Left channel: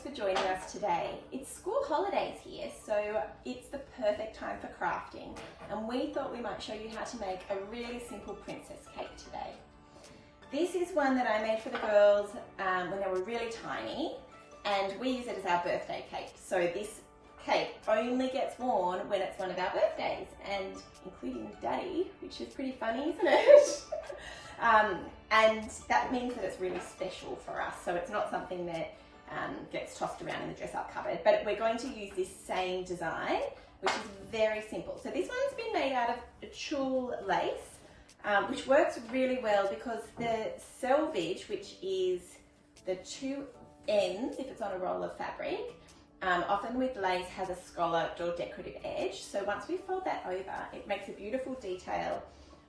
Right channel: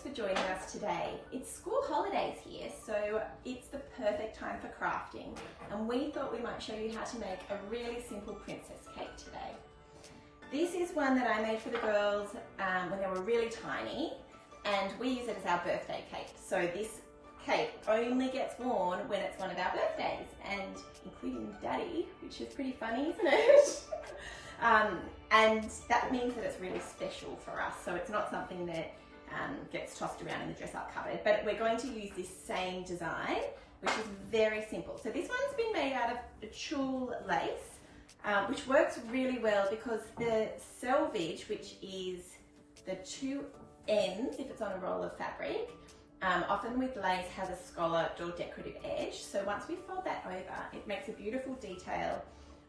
thanks for joining us today. It's school holidays here, so it's the perfect time for crafting, and we thought we might show you how to make a really simple princess cake today. This is one that I made for the girls when they were really tiny, and we use it as our birthday cake. So this cake only gets worn when it's one of our birthdays, and including Daddy, which is pretty funny, isn't it? And that means that it's really special for us, so it's not something that gets tossed around in the dress up cupboard, but we're going to use this same design, which is very simple. So this one's been made out of tulle lace, which works really well because the selvage, which is the two ends if it's on a roll of fabric, often with lace has a scalloped or decorative edge. So once we fold that over, it makes a beautiful detail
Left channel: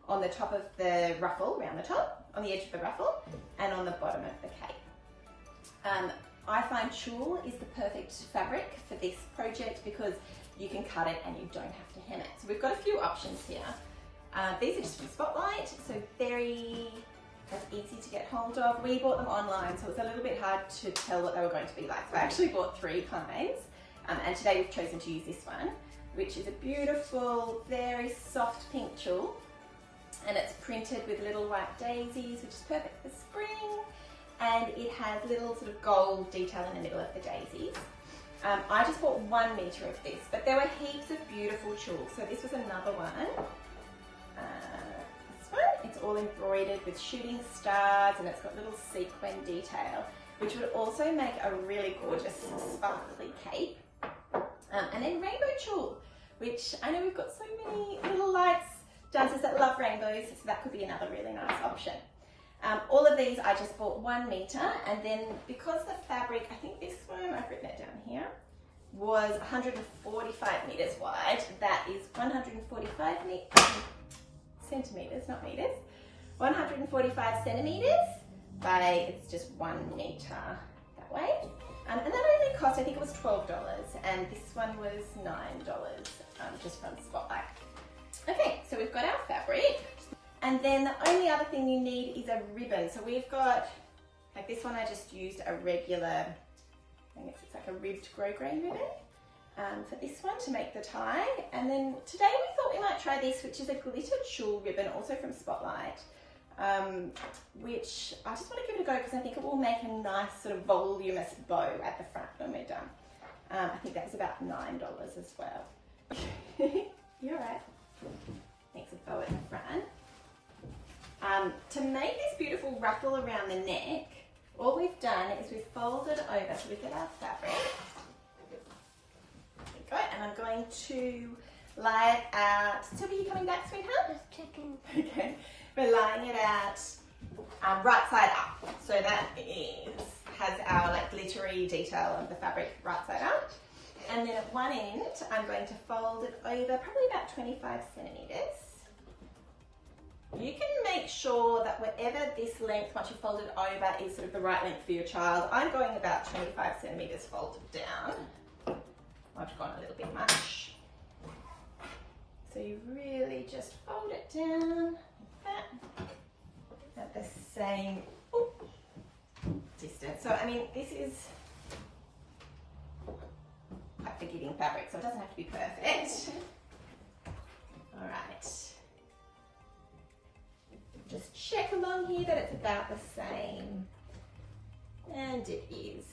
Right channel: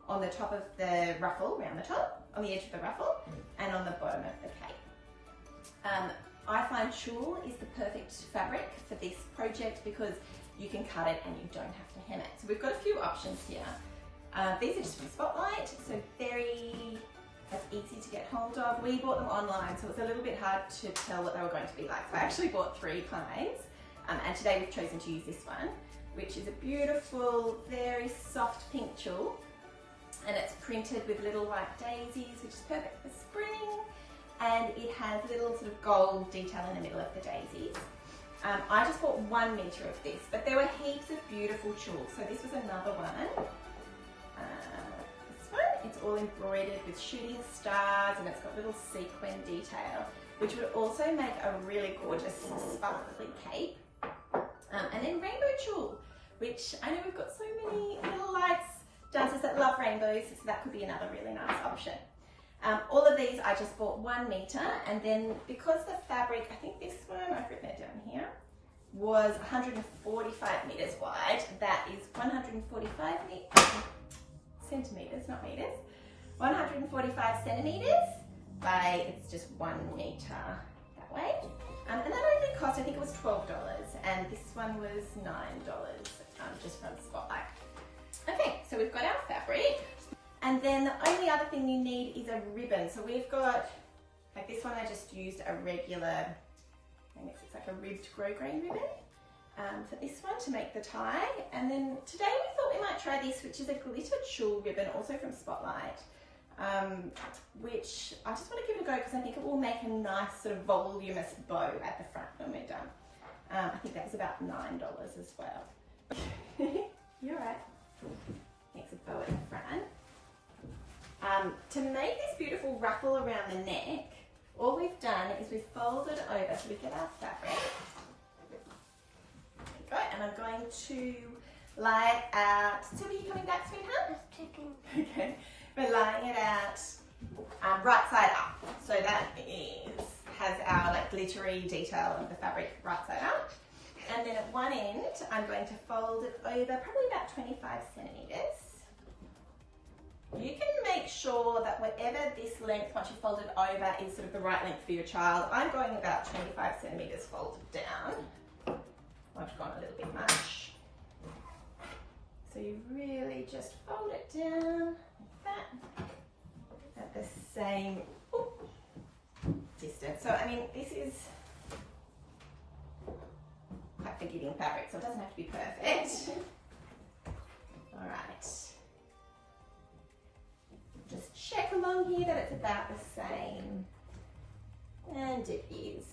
on the top of the ruffle, around the top, on the edge of the ruffle, and on the bottom of the cake. I find tulle is the perfect fabric for this project because you can cut it and you don't have to hem it. So we've got a few options here. These are just from Spotlight, so very easy to get hold of. We bought them online, so it's a little bit hard to tell what they were going to be like. So I actually bought 3 kinds, and today we've chosen to use this one, which is a beautiful, very soft pink tulle, and it's printed with little white daisies, which is perfect for spring, and it has little sort of gold detail in the middle of the daisies. I just bought 1 metre of this, but there were heaps of beautiful tulle, so this was another one. This one, it's all embroidered with shooting stars, and it's got little sequin detail, which would also make a really gorgeous sparkly cape. And then rainbow tulle, which I know we've got so many little lights dancers that love rainbows, so that could be another really nice option. All of these I just bought 1 metre, and then because the fabric, I think this one, I've written it down here, was 145 metres wide, that is 145 centimetres, not metres, 145 centimetres by, it's just 1 metre that way. And that only cost, I think it was $12, and this one was $9, just from Spotlight. Okay, so we've got our fabric, and then the only other thing you need is a ribbon. So we've got, like this one I just used a regular, I guess it's like a ribbed grosgrain ribbon for this one to make the tie. And then today we thought we might try this, which is a glitter tulle ribbon, also from Spotlight, which I just want to give it a go because I think it will make a nice sort of voluminous bow at the front when we're done. I think that was about $9 as well. You're right. Makes a bow at the front. To make this beautiful ruffle around the neck, all we've done is we've folded over, so we get our fabric. There we go, and I'm going to lie it out. Sylvia, you coming back, sweetheart? Okay, we're lying it out right side up, so that has our like glittery detail of the fabric right side up. And then at one end, I'm going to fold it over probably about 25 centimetres. You can make sure that whatever this length, once you fold it over, is sort of the right length for your child. I'm going about 25 centimetres folded down. I've gone a little bit much. So you really just fold it down like that at the same distance. So I mean, this is quite forgiving fabric, so it doesn't have to be perfect. All right. Just check along here that it's about the same, and it is.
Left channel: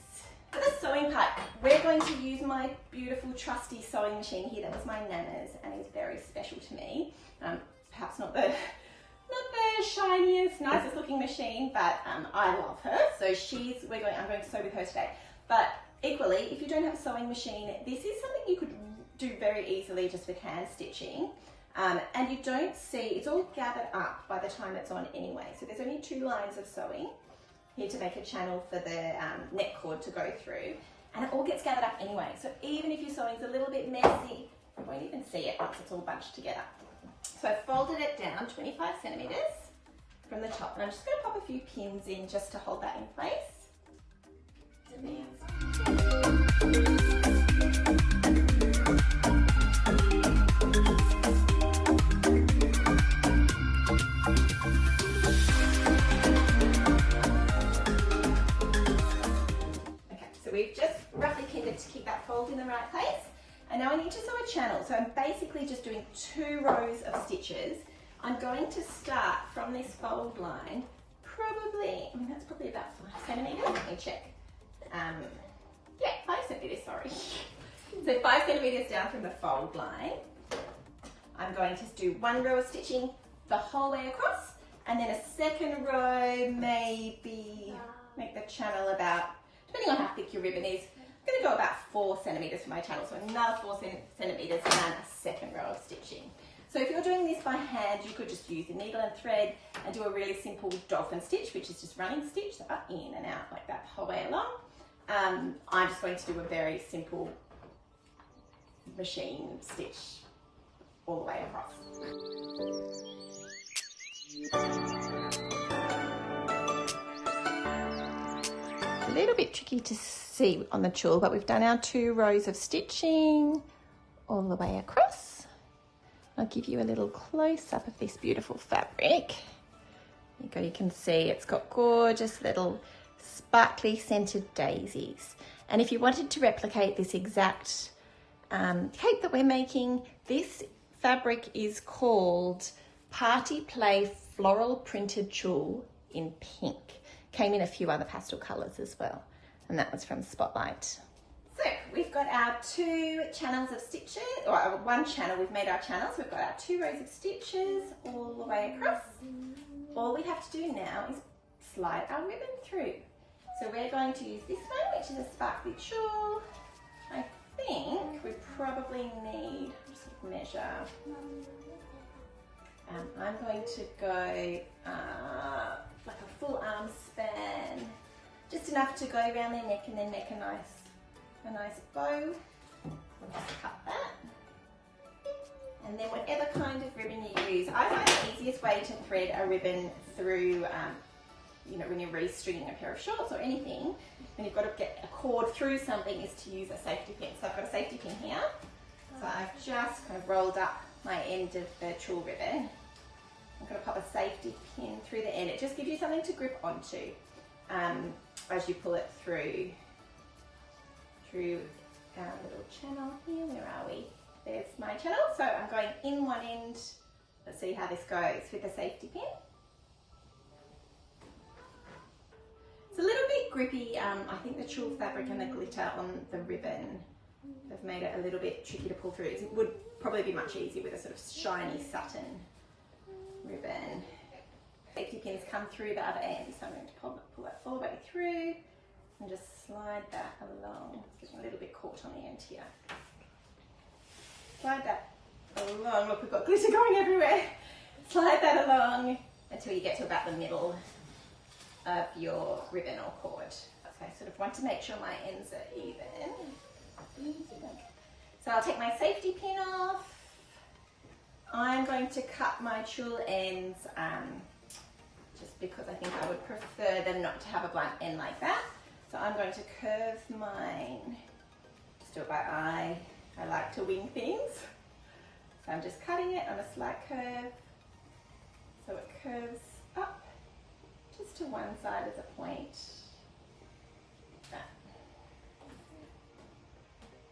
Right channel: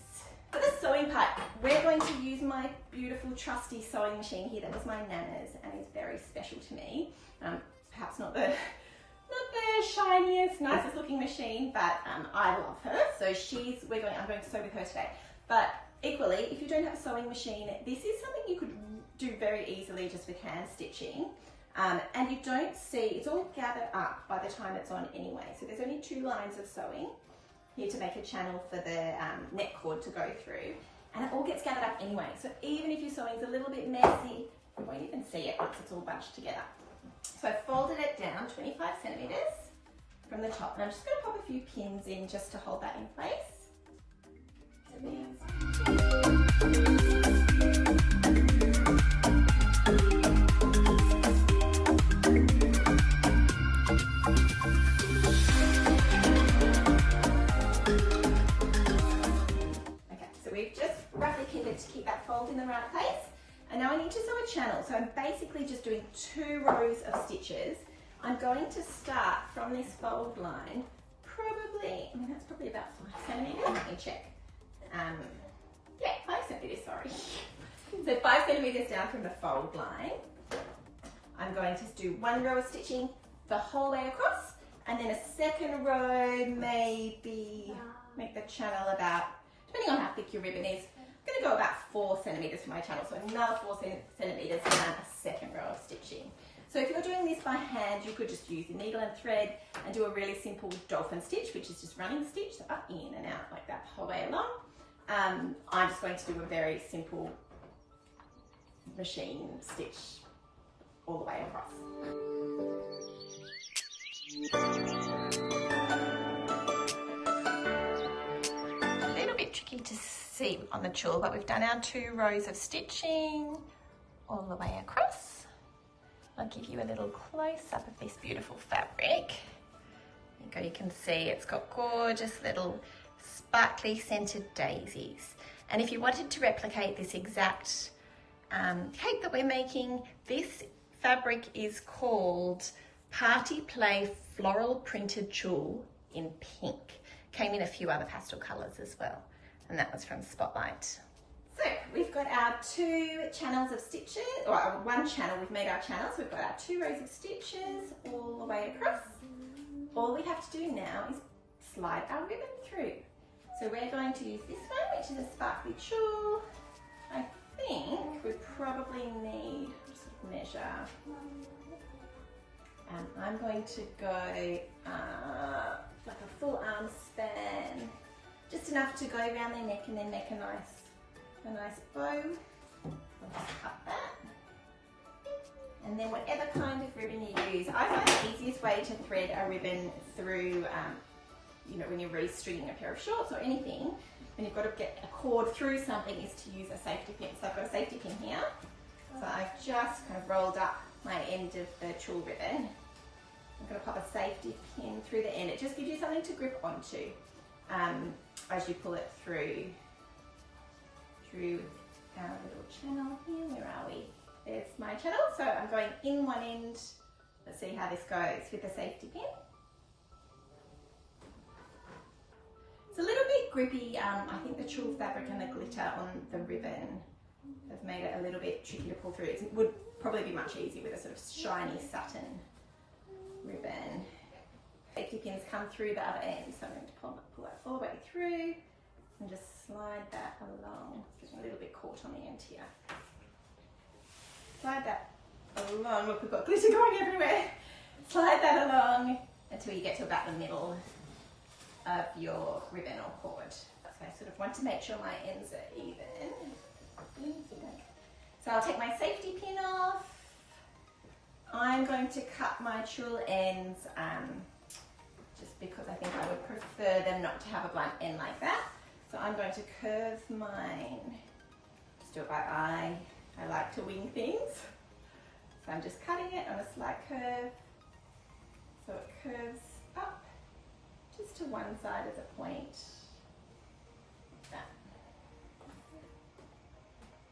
For the sewing part, we're going to use my beautiful trusty sewing machine here. That was my Nana's and is very special to me. Perhaps not the shiniest, nicest looking machine, but I love her. So I'm going to sew with her today. But equally, if you don't have a sewing machine, this is something you could do very easily just with hand stitching. And you don't see, it's all gathered up by the time it's on anyway. So there's only 2 lines of sewing here to make a channel for the neck cord to go through. And it all gets gathered up anyway. So even if your sewing's a little bit messy, you won't even see it once it's all bunched together. So I folded it down 25 centimetres from the top. And I'm just going to pop a few pins in just to hold that in place. right place. And now I need to sew a channel. So I'm basically just doing 2 rows of stitches. I'm going to start from this fold line, probably, that's probably about 5 centimetres. Let me check. Yeah, 5 centimetres, sorry. So 5 centimetres down from the fold line. I'm going to do 1 row of stitching the whole way across, and then a second row, maybe make the channel about, depending on how thick your ribbon is, I'm going to go about 4 centimetres for my channel. So another 4 centimetres and a second row of stitching. So if you're doing this by hand, you could just use the needle and thread and do a really simple dolphin stitch, which is just running stitch, so up, in and out like that the whole way along. I'm just going to do a very simple machine stitch all the way across. A little bit tricky to see on the tool, but we've done our 2 rows of stitching all the way across. I'll give you a little close-up of this beautiful fabric. You can see it's got gorgeous little sparkly scented daisies. And if you wanted to replicate this exact cape that we're making, this fabric is called Party Play Floral Printed Tulle in pink. Came in a few other pastel colours as well, and that was from Spotlight. So we've got our 2 channels of stitches, or 1 channel, we've made our channels. We've got our 2 rows of stitches all the way across. All we have to do now is slide our ribbon through. So we're going to use this one, which is a sparkly tulle. I think we probably need, just measure. I'm going to go like a full arm span, just enough to go around their neck and then make a nice bow. I'll just cut that. And then whatever kind of ribbon you use, I find the easiest way to thread a ribbon through, you know, when you're restringing a pair of shorts or anything, when you've got to get a cord through something, is to use a safety pin. So I've got a safety pin here. So I've just kind of rolled up my end of the tulle ribbon. I'm going to pop a safety pin through the end. It just gives you something to grip onto as you pull it through our little channel here. Where are we? There's my channel. So I'm going in one end. Let's see how this goes with the safety pin. It's a little bit grippy. I think the tulle fabric and the glitter on the ribbon have made it a little bit tricky to pull through. It would probably be much easier with a sort of shiny satin ribbon. Safety pins come through the other end, so I'm going to pull that all the way through and just slide that along. It's getting a little bit caught on the end here. Slide that along. Look, we've got glitter going everywhere. Slide that along until you get to about the middle of your ribbon or cord. So I sort of want to make sure my ends are even. So I'll take my safety pin off. I'm going to cut my tulle ends just because I think I would prefer them not to have a blunt end like that. So I'm going to curve mine, just do it by eye. I like to wing things. So I'm just cutting it on a slight curve so it curves up just to one side as a point.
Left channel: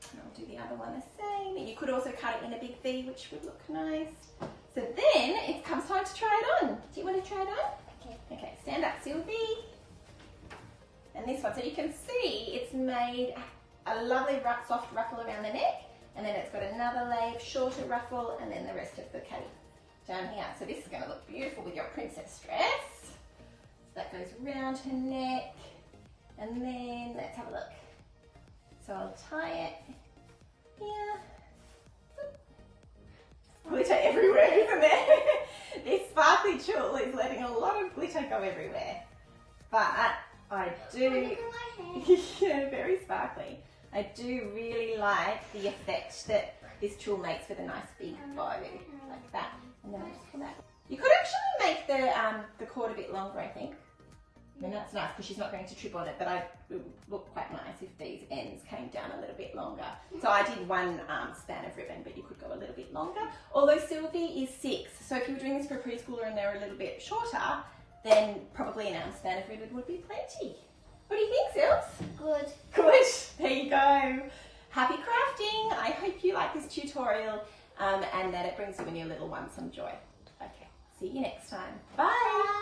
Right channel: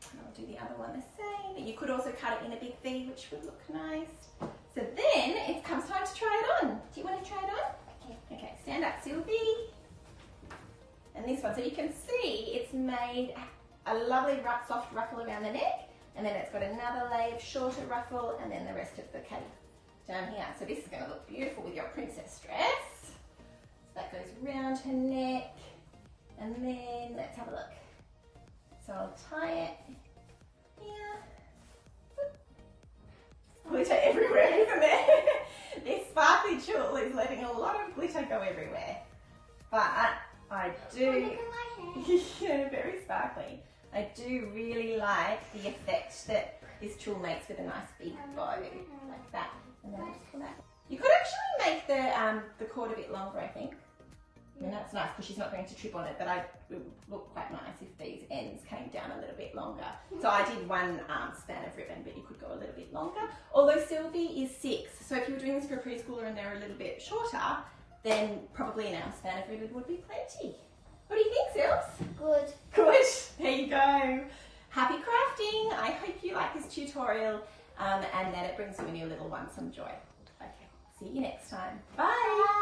And I'll do the other one the same. You could also cut it in a big V, which would look nice. So then it comes time to try it on. Do you want to try it on? Okay. Okay, stand up, Sylvie. And this one, so you can see it's made a lovely soft ruffle around the neck, and then it's got another layer of shorter ruffle, and then the rest of the cape down here. So this is going to look beautiful with your princess dress. So that goes round her neck, and then let's have a look. So I'll tie it here. Glitter everywhere, isn't there? This sparkly tulle is letting a lot of glitter go everywhere. But I do, yeah, very sparkly. I do really like the effect that this tulle makes with a nice big bow like that. And then I just pull that. You could actually make the cord a bit longer, I think. I mean, that's nice because she's not going to trip on it, but it would look quite nice if these ends came down a little bit longer. So I did one span of ribbon, but you could go a little bit longer. Although Sylvie is 6, so if you were doing this for a preschooler and they're a little bit shorter, then probably an arm span of ribbon would be plenty. What do you think, Sylvs? Good. Good. There you go. Happy crafting. crafting. I hope you like this tutorial and that it brings you and your little one some joy. Okay, see you next time. Bye.